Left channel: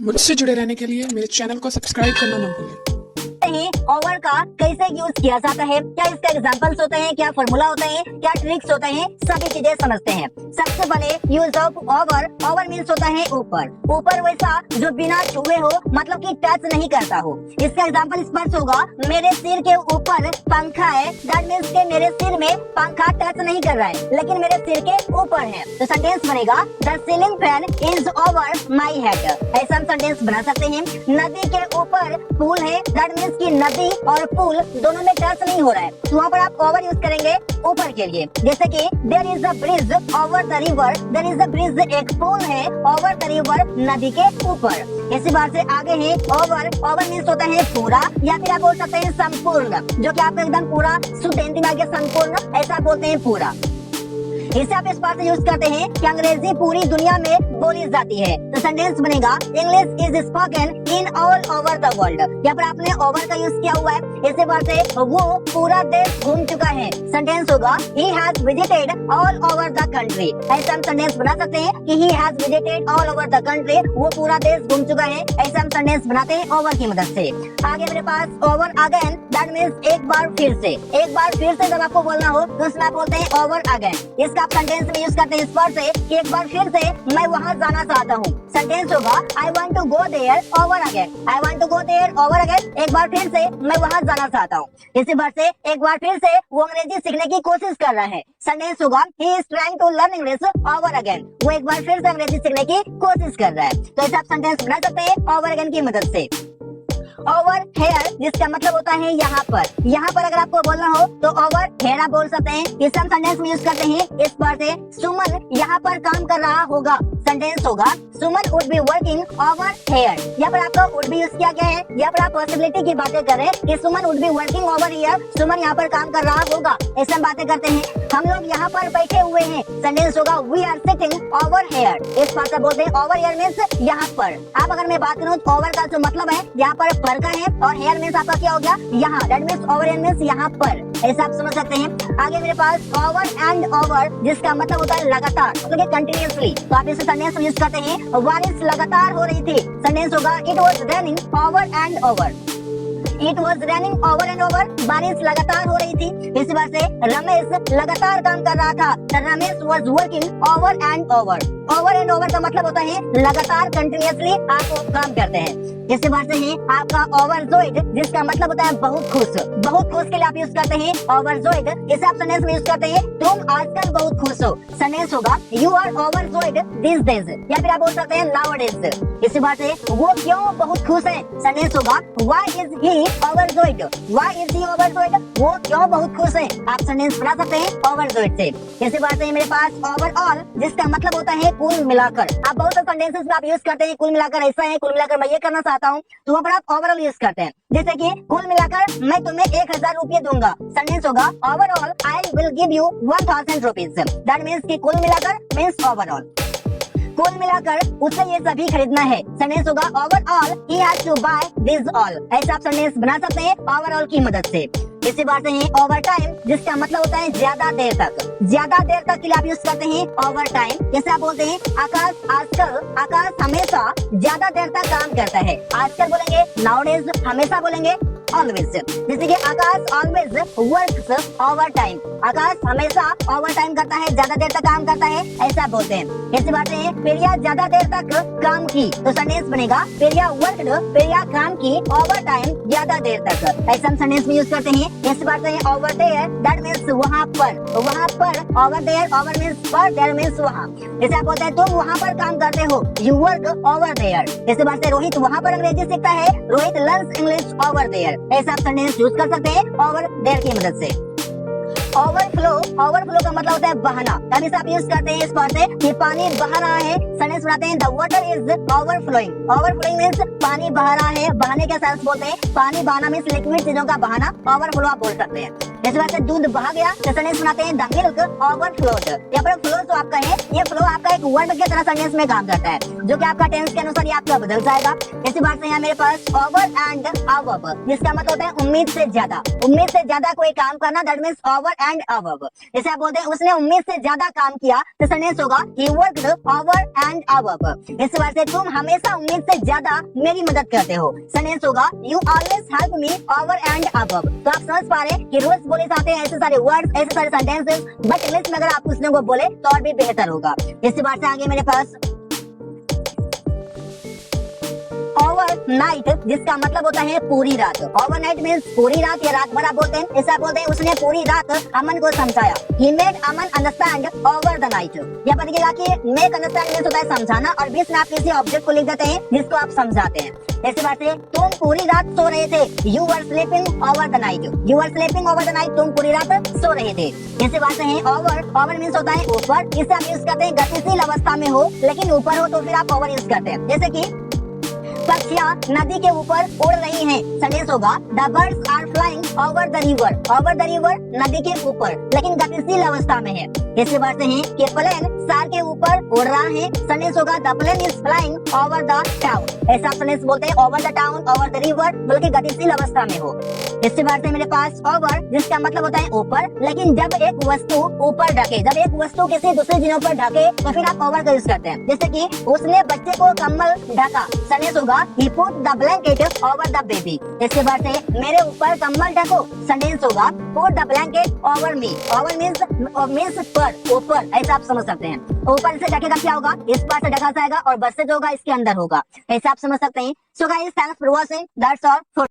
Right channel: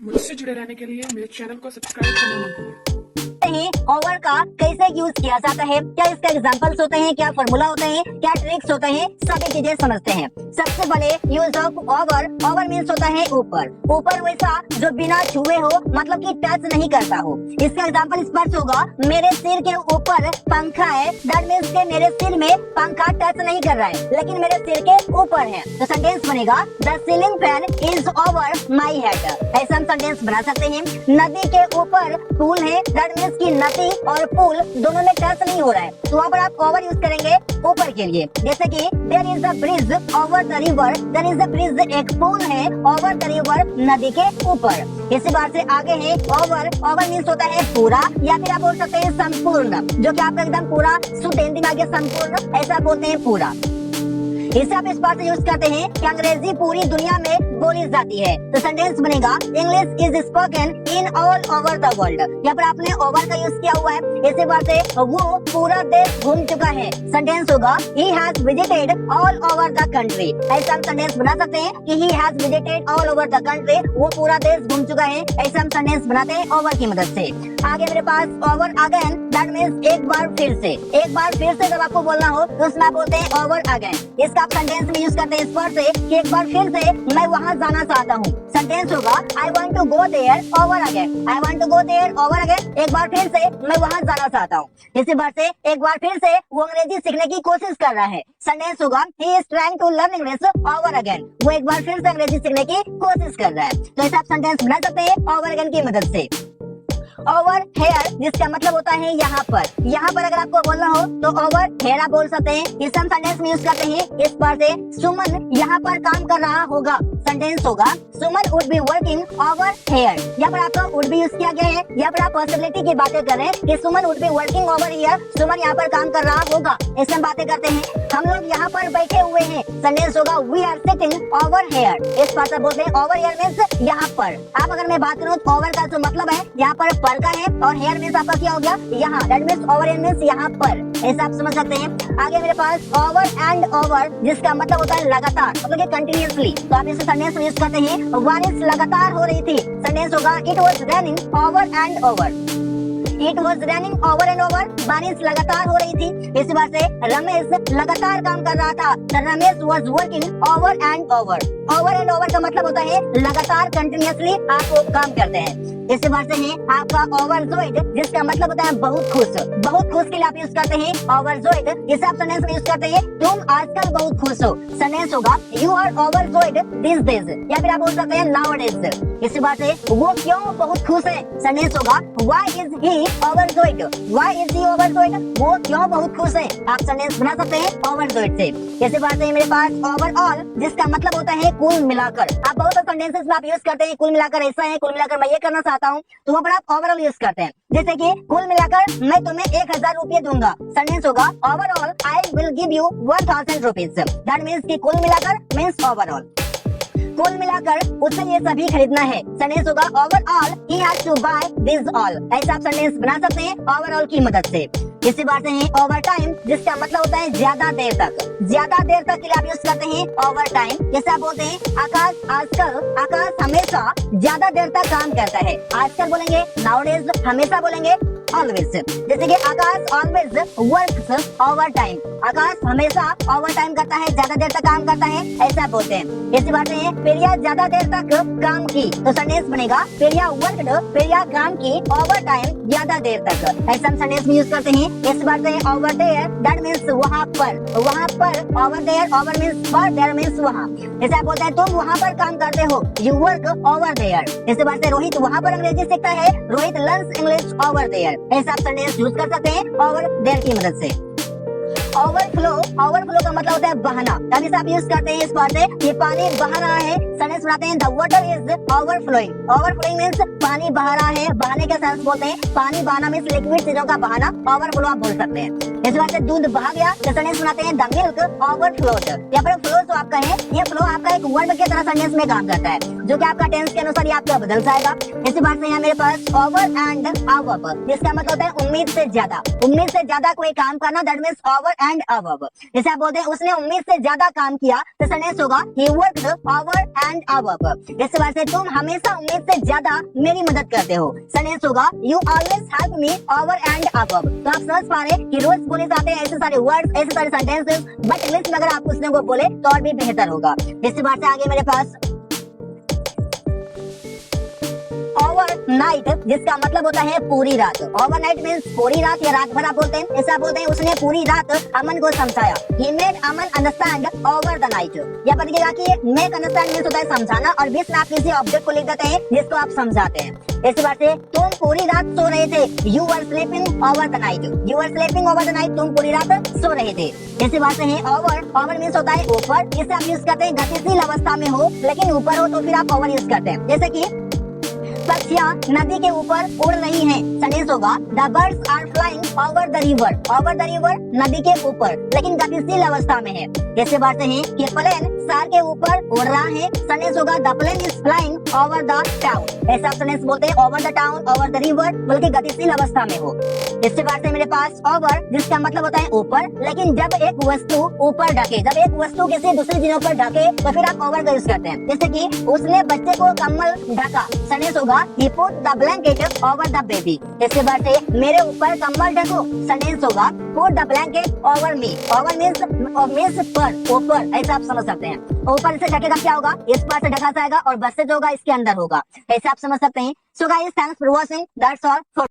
मुझसे जुड़े रहने के लिए मेरे चैनल को सब्सक्राइब करना मत भूलें। ओवर का कैसे यूज किया जाता है, क्या इसका एग्जांपल्स होते हैं, क्या फॉर्मूला होते हैं, क्या ट्रिक्स होते हैं, सभी चीजें समझते हैं। सबसे पहले use of over. Over means होता है ऊपर। ऊपर वैसा जो बिना छुए हो, मतलब कि टच नहीं करता हो। इसका एग्जांपल स्पर्श होगा। मेरे सिर के ऊपर पंखा है, दैट मीन्स के मेरे सिर में पंखा टच नहीं कर रहा है, लेकिन मेरे सिर के ऊपर है। तो सेंटेंस बनेगा the ceiling fan is over my head. ऐसा हम सेंटेंस बना सकते हैं। नदी के ऊपर पुल है, दैट मीन्स की नदी और पुल दोनों में टच नहीं हो रहा है, तो वहाँ पर आप ओवर यूज करेंगे ऊपर के लिए। जैसे कि there is a bridge over the river. There is a bridge, एक पुल है ओवर द रिवर, नदी के ऊपर। इसी बात से आगे है ओवर। ओवर मीन्स होता है पूरा, या फिर आप बोल सकते हैं संपूर्ण, जो कि आपका एकदम पूरा सुतेंद्र संपूर्ण, ऐसा बोलते हैं पूरा। इसे आप इस बात से यूज करते हैं कि अंग्रेजी पूरी दुनिया में बोली जाती है। तो सेंटेंस बनेगा English is spoken in all over the world. यहाँ पर आपने ओवर का यूज किया हुआ है। इसी बात से वो पूरा देश घूम चुका है। सेंटेंस होगा he has visited all over the country। ऐसा हम सेंटेंस बना सकते हैं कि he has visited all over the country, वो पूरा देश घूम चुका है। ऐसा हम सेंटेंस बनाते हैं ओवर की मदद से। आगे मेरे पास ओवर अगेन, दैट मीन्स एक बार फिर से। एक बार फिर से जब आपको बोलना हो तो उसमें आप बोलते हैं ओवर अगेन। इसका आप सेंटेंस में यूज करते हैं इस वर्ड से कि एक बार फिर से मैं वहाँ जाना चाहता हूँ। सेंटेंस होगा I want to go there over again। I want to go there over again। एक बार फिर से मैं वहाँ जाना चाहता हूँ। इसी बार से एक बार फिर से वो अंग्रेजी सीखने की कोशिश कर रहा है। सेंटेंस होगा he is trying to learn English over again। वो एक बार फिर से अंग्रेजी सीखने की कोशिश कर रहा है। तो ऐसा आप सेंटेंस बना सकते हैं ओवर अगेन की मदद से। ओवर हेयर, जिसका मतलब होता है यहाँ पर। यहाँ पर अगर आपको बोलना हो तो ओवर हेयर आप बोल सकते हैं। इस हम सेंटेंस में यूज करते हैं इस पर से सुमन यहाँ पर काम कर रहा होगा। सेंटेंस होगा Suman would be working over here. यहाँ पर आपका वुड बी यूज किया गया है। यहाँ पर आप पॉसिबिलिटी की बातें कर रहे हैं कि Suman would be working over here, Suman यहाँ पर काम कर रहा होगा। ऐसे हम बातें करते हैं। हम लोग यहाँ पर बैठे हुए हैं। सेंटेंस होगा we are sitting over here. इस भाषा बोलते हैं ओवर हियर मीन्स यहाँ पर। आप अगर मैं बात करूँ तो ओवर का जो मतलब है यहाँ पर का है, और हेयर मीन्स आपका क्या हो गया यहाँ, that means over here means यहाँ पर। ऐसा आप समझ सकते हैं। आगे मेरे पास ओवर एंड ओवर, जिसका मतलब होता है लगातार, मतलब कंटिन्यूअसली। तो आप इसे सेंटेंस में यूज करते हैं बारिश लगातार हो रही थी। सेंटेंस होगा it was raining over and over. It was raining over and over, बारिश लगातार हो रही थी। इसी बात से रमेश लगातार काम कर रहा था। Ramesh was working over and over. Over and over का मतलब होता है लगातार, कंटिन्यूअसली आप वो काम करते हैं। इसी बात से है आपका ओवरजॉयड, जिसका मतलब होता है बहुत खुश। बहुत खुश के लिए आप यूज करते हैं ओवरजॉयड। इसे आप सेंटेंस में यूज करते हैं तुम आजकल बहुत खुश हो। सेंटेंस होगा you are overjoyed this days, या फिर आप बोल सकते हैं नाउअडेज। इसी बात से वो क्यों बहुत खुश है। सेंटेंस होगा why is he overjoyed. Why is he overjoyed, वो क्यों बहुत खुश है। आप सेंटेंस बना सकते हैं ओवरजॉयड से। इसी बात से मेरे पास ओवरऑल, जिसका मतलब होता है कुल मिलाकर। आप बहुत सारे सेंटेंसेस में आप यूज करते हैं कुल मिलाकर ऐसा है, कुल मिलाकर मैं ये करना चाहता हूँ, तो वहाँ पर आप ओवरऑल यूज करते हैं। जैसे कि कुल मिलाकर मैं तुम्हें 1000 रुपये दूंगा। सेंटेंस होगा overall I will give you 1000 rupees. That means कि कुल मिलाकर मीन्स ओवरऑल। कुल मिलाकर उसे ये सभी खरीदना है। सेंटेंस होगा overall he has to buy this all. ऐसा आप सेंटेंस बना सकते हैं ओवरऑल की मदद से। इसी बात से है ओवर टाइम, जिसका मतलब होता है ज्यादा देर तक। ज्यादा देर तक के लिए आप यूज करते हैं ओवर टाइम। जैसे आप बोलते हैं आकाश आजकल, आकाश हमेशा ज्यादा देर तक काम करता है। आजकल बोलेंगे नाउडेज, हमेशा बोलेंगे ऑलवेज। जैसे कि आकाश ऑलवेज वर्क्स ओवर टाइम। आकाश हमेशा ओवर टाइम करता है, ज्यादा देर तक काम करता है, ऐसा बोलते हैं। इसी बात है प्रिया ज्यादा देर तक काम की। तो सेंटेंस बनेगा प्रिया वर्कड, प्रिया काम की ओवर टाइम, ज्यादा देर तक। ऐसा सेंटेंस में यूज करते हैं। इस बात से ओवर देयर, दैट मीन्स वहाँ पर। वहाँ पर ओवर देयर, ओवर मीन्स पर, देयर मीन्स वहाँ। जैसे आप बोलते हैं तुम वहाँ पर काम करते हो, यू वर्क ओवर देयर। इसी बात से रोहित वहाँ पर अंग्रेजी सीखता है, Rohit learns English over there. ऐसा आप सेंटेंस यूज कर सकते हैं ओवर देयर की मदद से। ओवरफ्लो, ओवरफ्लो का मतलब होता है बहाना। तभी से आप यूज करते हैं इस बात से कि पानी बह रहा है। सेंटेंस बनाते हैं the water is overflowing. Overflowing means पानी बह रहा है। बहाने का सेंस बोलते हैं पानी बहाना मींस लिक्विड चीजों का बहाना, ओवरफ्लो आप बोल सकते हैं। इस बात से दूध बह गया, तो सेंटेंस बनाते हैं द मिल्क ओवरफ्लोड। यहाँ पर फ्लो जो आपका है, ये फ्लो आपका एक वर्ब के तरह सेंटेंस में काम करता है, जो कि आपका टेंस के अनुसार ये आपका बदल जाएगा। इसी बात से यहाँ मेरे पास ओवर एंड अबव, जिसका मतलब होता है उम्मीद से ज्यादा। उम्मीद से ज्यादा कोई काम करना, that means over and above. जैसे आप बोलते हैं उसने उम्मीद से ज्यादा काम किया, तो सेंटेंस होगा he worked over and above. इस बात से तुम हमेशा उम्मीद से ज्यादा मेरी मदद करते हो, सेंटेंस होगा you always help me over and above. तो आप समझ पा रहे कि रोज बोले जाते हैं ऐसे सारे वर्ड्स, ऐसे सारे सेंटेंसेस, बट इंग्लिश में अगर आप उसने को बोले तो और भी बेहतर होगा। इसी बात से आगे मेरे पास नाइट, जिसका मतलब होता है पूरी रात। ओवरनाइट मींस पूरी रात या रात भर आप बोलते हैं। ऐसा बोलते हैं उसने पूरी रात अमन को समझाया, he made Aman understand over the night. यह पता चलेगा कि मेक अंडरस्टैंड मींस होता है समझाना, और बीच में आप किसी ऑब्जेक्ट को लिख देते हैं जिसको आप समझाते हैं। इसी बात से तुम पूरी रात सो रहे थे, you were sleeping over the night, you were sleeping over the night, तुम पूरी रात सो रहे थे। इसी बात से है ओवर मींस होता है ऊपर। इसे आप यूज करते हैं गतिशील अवस्था में हो लेकिन ऊपर हो तो फिर आप ओवर यूज करते हैं। जैसे कि पक्षियाँ नदी के ऊपर उड़ रही हैं, सेंटेंस होगा the birds are flying over the river. Over the river नदी के ऊपर लेकिन गतिशील अवस्था में है। ऐसे बात है कि प्लेन शहर के ऊपर उड़ रहा है, सेंटेंस होगा the plane is flying over the town. ऐसा सेंटेंस बोलते हैं over the town, over the river, बल्कि गतिशील अवस्था में हो। इसी बात से मेरे पास ओवर, जिसका मतलब होता है ऊपर, लेकिन जब एक वस्तु ऊपर ढके, जब एक वस्तु किसी दूसरे चीजों पर ढके तो फिर आप ओवर का यूज करते हैं। जैसे कि उसने बच्चे को कंबल ढका, सेंटेंस होगा he put the blanket over the baby। इसके बाद से मेरे ऊपर कंबल ढको, सेंटेंस होगा put the blanket over me। over means पर, ऊपर, ऐसा आप समझ सकते हैं। ऊपर से ढकेगा क्या होगा, इस पार से ढका जाएगा और बस से जो होगा इसके अंदर होगा, ऐसा आप समझ सकते हैं। So guys, thanks for watching, that's all.